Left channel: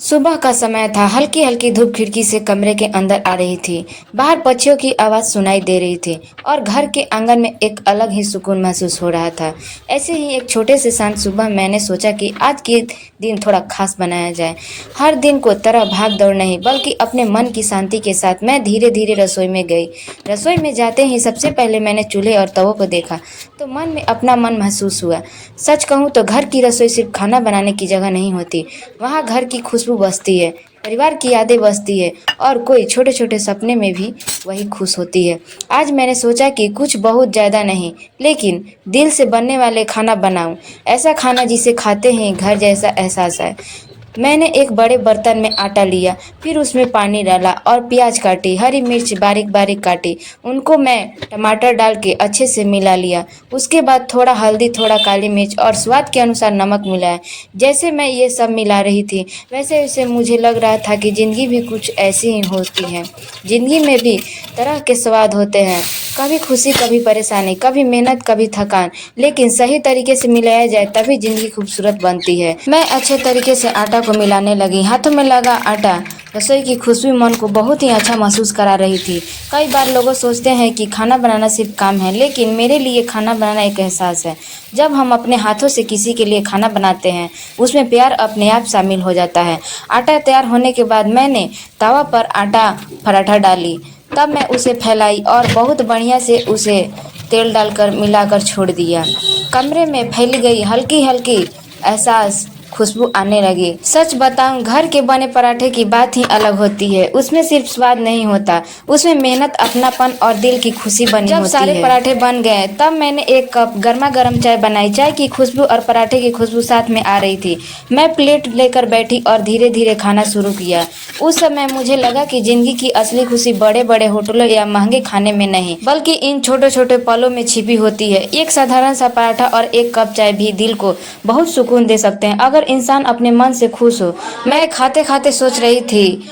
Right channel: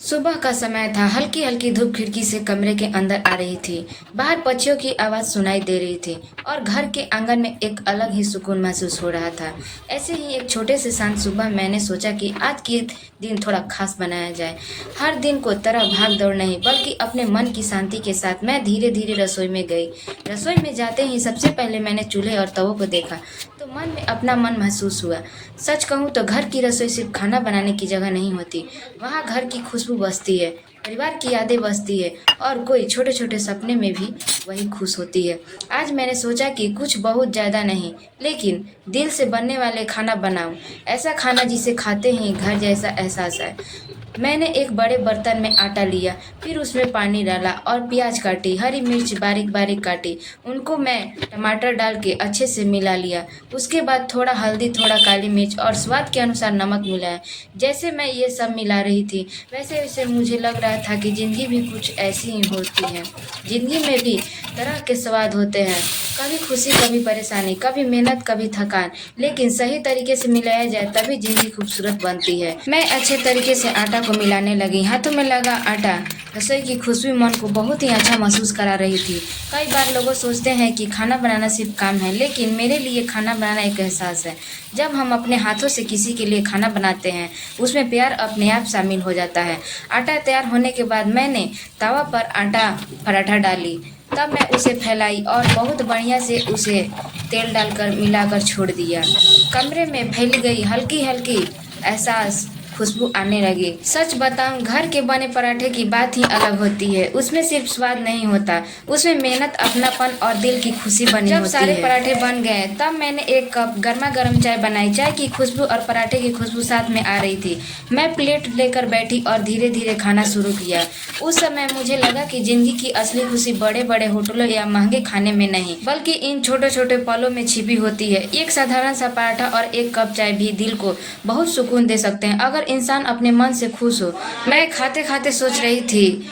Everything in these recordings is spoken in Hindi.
सुबह का समय था। हल्की हल्की धूप खिड़की से कमरे के अंदर आ रही थी। बाहर पक्षियों की आवाज़ सुनाई दे रही थी और घर के आंगन में एक अलग ही सुकून महसूस हो रहा था। ऐसे ही एक छोटे से शांत सुबह मैंने सोचा कि आज के दिन थोड़ा खास बनाया जाए। हर दिन को तरह भाग दौड़ नहीं, बल्कि अपने मन की शांति के साथ मैं धीरे धीरे रसोई में गई। रसोई में जाते ही सबसे पहले मैंने चूल्हे और तवों को देखा तो मन में अपना मन महसूस हुआ। सच कहूँ तो घर की रसोई सिर्फ खाना बनाने की जगह नहीं होती। वहाँ घर की खुशबू बसती है, परिवार की यादें बसती है और कोई छोटे छोटे सपने में भी वही खुश होती है। आज मैंने सोचा कि कुछ बहुत ज़्यादा नहीं, लेकिन दिल से बनने वाले खाना बनाऊं। ऐसा खाना जिसे खाते ही घर जैसा एहसास आए। मैंने एक बड़े बर्तन में आटा लिया, फिर उसमें पानी डाला और प्याज काटी, हरी मिर्च बारीक बारीक काटी। उनको मैं टमाटर डाल के अच्छे से मिला लिया। उसके बाद थोड़ा हल्दी, थोड़ा काली मिर्च और स्वाद के अनुसार नमक मिलाया। जैसे मैं ये सब मिला रही थी, वैसे वैसे मुझे लग रहा था कि ज़िंदगी भी कुछ ऐसी ही होती है। ज़िंदगी में भी तरह के स्वाद होते हैं, कभी खुशी, कभी परेशानी, कभी मेहनत, कभी थकान, लेकिन सही तरीके से मिलाया जाए तभी ज़िंदगी खूबसूरत बनती है। मैं अच्छे तरीके से आटा को मिलाने लगी। हाथों में लगा आटा, रसोई की खुशबू मन को बहुत ही अच्छा महसूस करा रही थी। कई बार लोग सोचते हैं कि खाना बनाना सिर्फ काम है, लेकिन मेरे लिए खाना बनाना एक एहसास है। जब हम अपने हाथों से किसी के लिए खाना बनाते हैं, उसमें प्यार अपने आप शामिल हो जाता है। आटा तैयार होने के बाद मैंने तवा पर आटा पराठा डाली, तब मैं उसे फैलाई और बहुत बढ़िया से उसे तेल डालकर मिलाकर छोड़ दिया। कमरे में फैल गई हल्की हल्की एहसास खुशबू आने लगी। सच बताऊं, घर के बने पराठे की बात ही अलग होती है। उसमें सिर्फ स्वाद नहीं होता, उसमें मेहनत, अपनापन और दिल की खुशी बनी होती है। जब सारे पराठे बन गए तब मैंने एक कप गर्मा गर्म चाय बनाई। चाय की खुशबू और पराठे की खुशबू साथ में आ रही थी। मैं प्लेट लेकर बैठी और धीरे धीरे खाना शुरू किया। उस समय मुझे लगा कि जिंदगी की असली खुशी बड़े बड़े होटलों या महंगे खाने में नहीं, बल्कि इन छोटे छोटे पलों में छिपी होती है। एक साधारण सा पराठा और एक कप चाय भी दिल को बहुत सुकून दे सकते हैं, अगर इंसान अपने मन से खुश हो। मैं खाते खाते सोच रही थी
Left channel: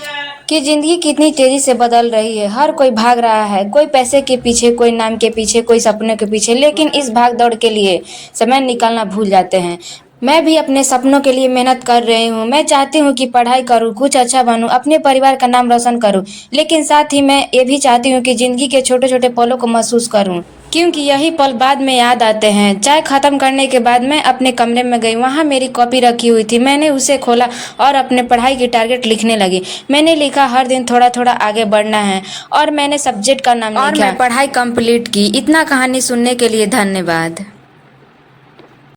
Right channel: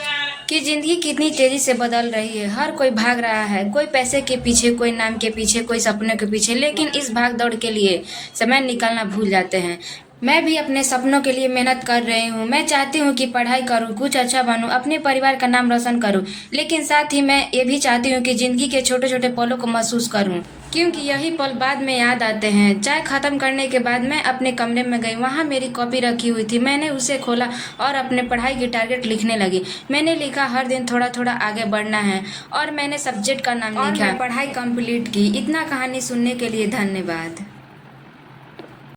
कि जिंदगी कितनी तेजी से बदल रही है। हर कोई भाग रहा है, कोई पैसे के पीछे, कोई नाम के पीछे, कोई सपनों के पीछे, लेकिन इस भाग दौड़ के लिए समय निकालना भूल जाते हैं। मैं भी अपने सपनों के लिए मेहनत कर रही हूँ। मैं चाहती हूँ कि पढ़ाई करूँ, कुछ अच्छा बनूँ, अपने परिवार का नाम रोशन करूँ, लेकिन साथ ही मैं ये भी चाहती हूँ कि ज़िंदगी के छोटे छोटे पलों को महसूस करूँ, क्योंकि यही पल बाद में याद आते हैं। चाय खत्म करने के बाद मैं अपने कमरे में गई। वहाँ मेरी कॉपी रखी हुई थी। मैंने उसे खोला और अपने पढ़ाई की टारगेट लिखने लगी। मैंने लिखा हर दिन थोड़ा थोड़ा आगे बढ़ना है, और मैंने सब्जेक्ट का नाम लिखा और मैं पढ़ाई कंप्लीट की। इतना कहानी सुनने के लिए धन्यवाद।